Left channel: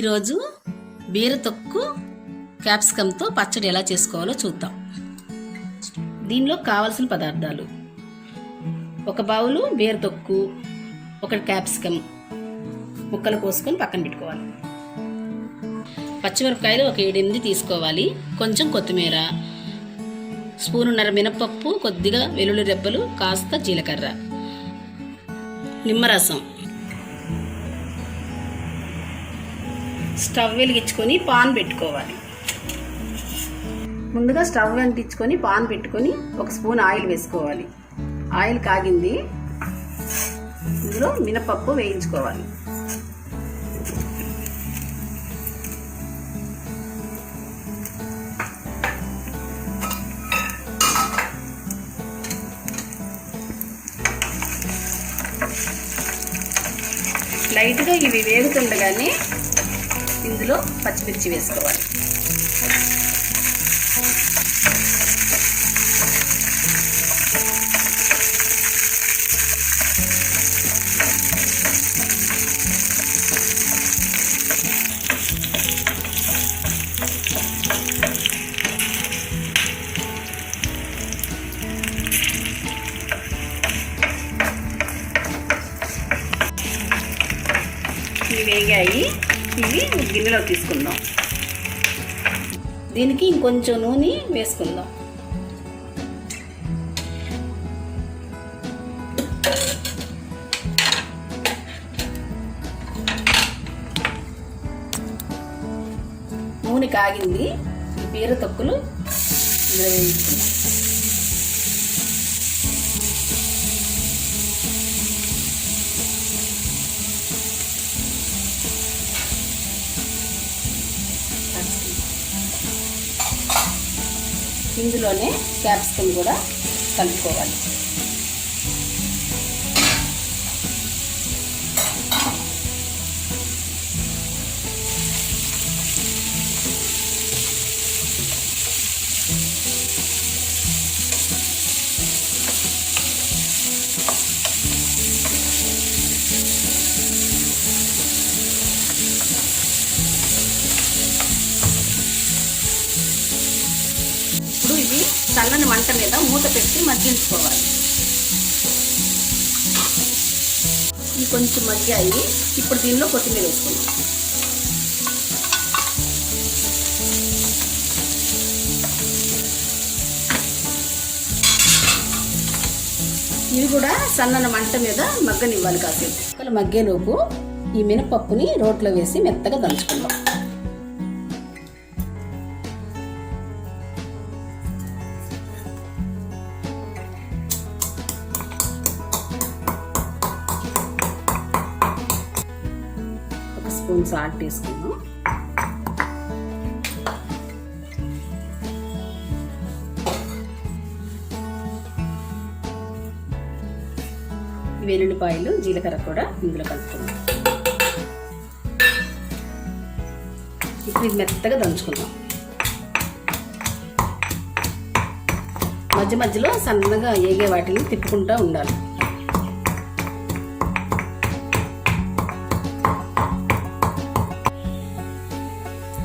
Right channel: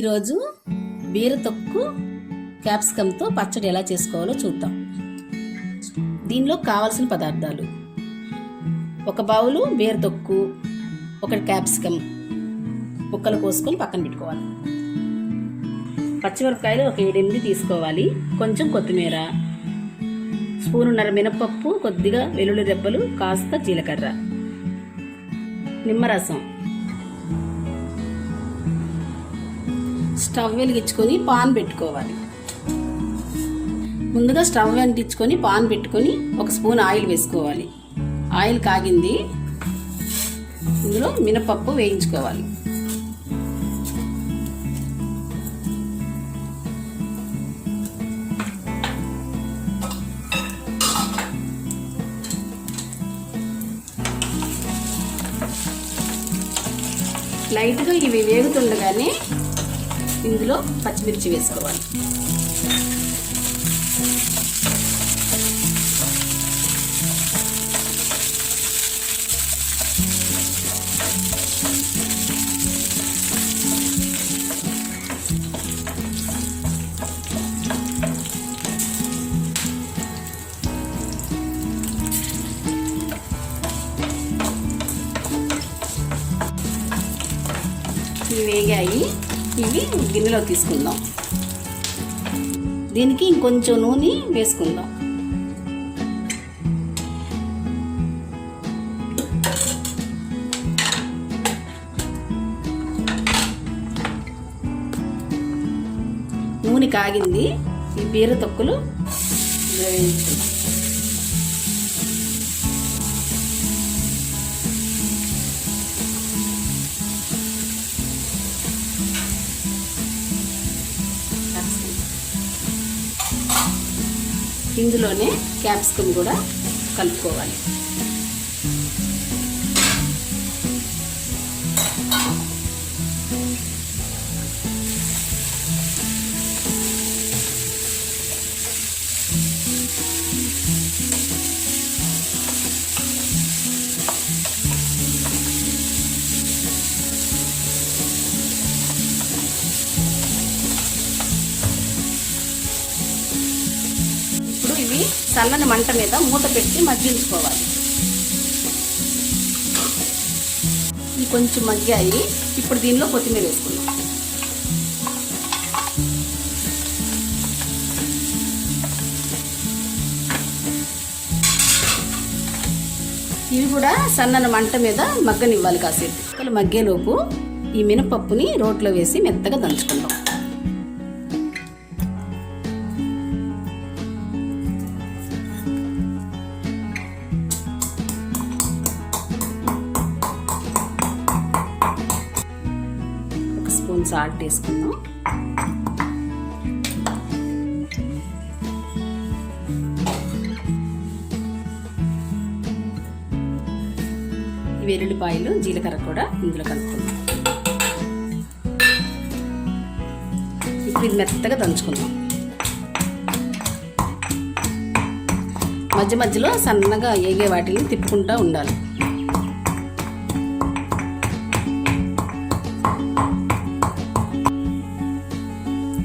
ఈరోజు బీరతొక్కు క్యాప్సికంతో పచ్చడి ఎలా చేసుకోవాలో చూద్దాం. దీనిలో కావాల్సిన పదార్థాలు: ఒక బౌలు బీరతొక్కు, ఒక క్యాప్సికం ముక్కలు కోసుకొని పక్కన పెట్టుకోవాలి. పచ్చిమిరపకాయలు ఒక 7-8 తీసుకోవాలి. కొంచెం కొత్తిమీర, స్పూనున్నర మినపప్పు, కొద్దిగా వెల్లుల్లి రెబ్బలు, కాస్త జీలకర్ర, నిమ్మరసం. స్టవ్ వెలిగించుకొని పాన్ పెట్టుకోవాలి. ముందుగా స్టవ్ వెలిగించుకొని పాన్ పెట్టుకొని ఒక స్పూన్ ఆయిల్ వేసుకోవాలి. ఆయిల్ కాగింది, ఇందులో మినపప్పు వేయించుకోవాలి. లైట్గా ఇవి వేగుతుండగానే ఇందులో పచ్చిమిర్చి వేసుకోవాలి. ఇవి వేగాయి, ఇవి గిన్నెలో తీసుకుందాం. దీనికి ఇంకొంచెం నూనె వేసుకుందాం. నూనె కాగింది, ఈ బీరతొక్కులు ఇందులో వేయించుకుందాం. ఇందులోనే క్యాప్సికం కూడా కలుపుకోవాలి. చల్లని మంట మీద మూత పెట్టి మగ్గించుకోవాలి. ఇవి కొంచెం మగ్గాయి. ఇప్పుడు దీనిలో కొత్తిమీర వేసుకుందాం. ఇవి కూడా సన్నని మంట మీద మగ్గనివ్వాలి కాసేపు. మగ్గేలోపు ఈ మినపప్పుని రోట్లో వేసి మెత్తగా దంచుకుందాం. స్పూన్ సాల్ట్ వేసుకుందాం. వెల్లుల్లిపాయలు, జీలకర్ర కూడా ఇందులో కలుపుకుందాం. ఇప్పుడు ఇది మెత్తగా దంచుకుందాం. మధ్య మధ్యలో సన్నగా ఏగే వాటిని తిప్పుకుంటూ ఉండాలి.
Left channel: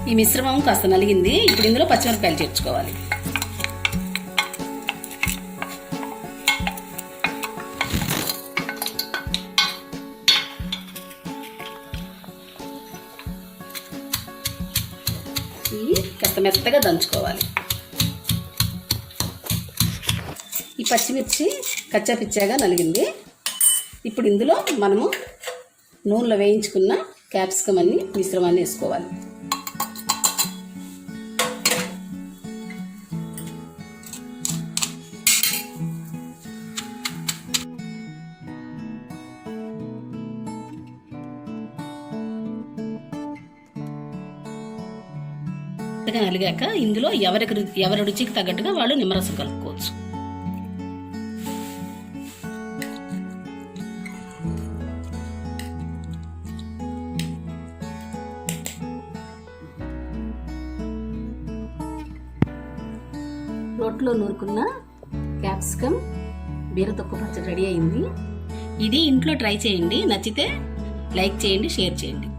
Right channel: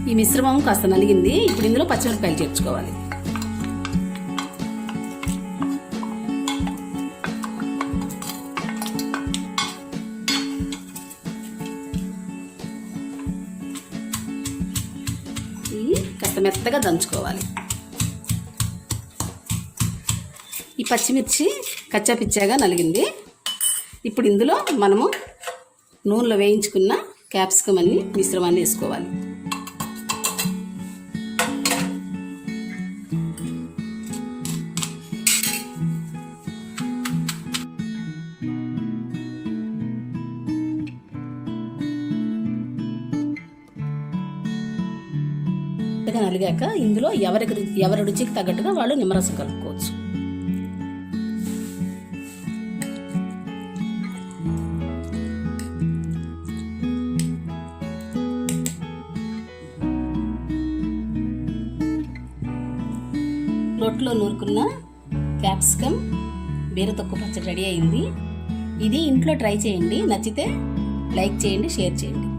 ఈ మిశ్రమం కాస్త నలిగింది. ఇప్పుడు ఇందులో పచ్చిమిరపకాయలు చేర్చుకోవాలి. ఇవి కాస్త మెత్తగా దంచుకోవాలి. ఈ పచ్చిమిర్చి కచ్చాపిచ్చాగా నలిగింది. ఇప్పుడు ఇందులో మనము నూనెలో వేయించుకున్న క్యాప్సికం అన్ని మిశ్రమాన్ని వేసుకోవాలి. నలిగాక ఇందులో ఎవరి రుచికి తగ్గట్టుగా వాళ్ళు నిమ్మరసం కలుపుకోవచ్చు. రోట్లో నూరుకున్న క్యాప్సికం బీరతొక్కు పచ్చడి రెడీ అయింది. ఇది ఇంట్లో ట్రై చేయండి. నచ్చితే లైక్ చేయండి, షేర్ చేయండి.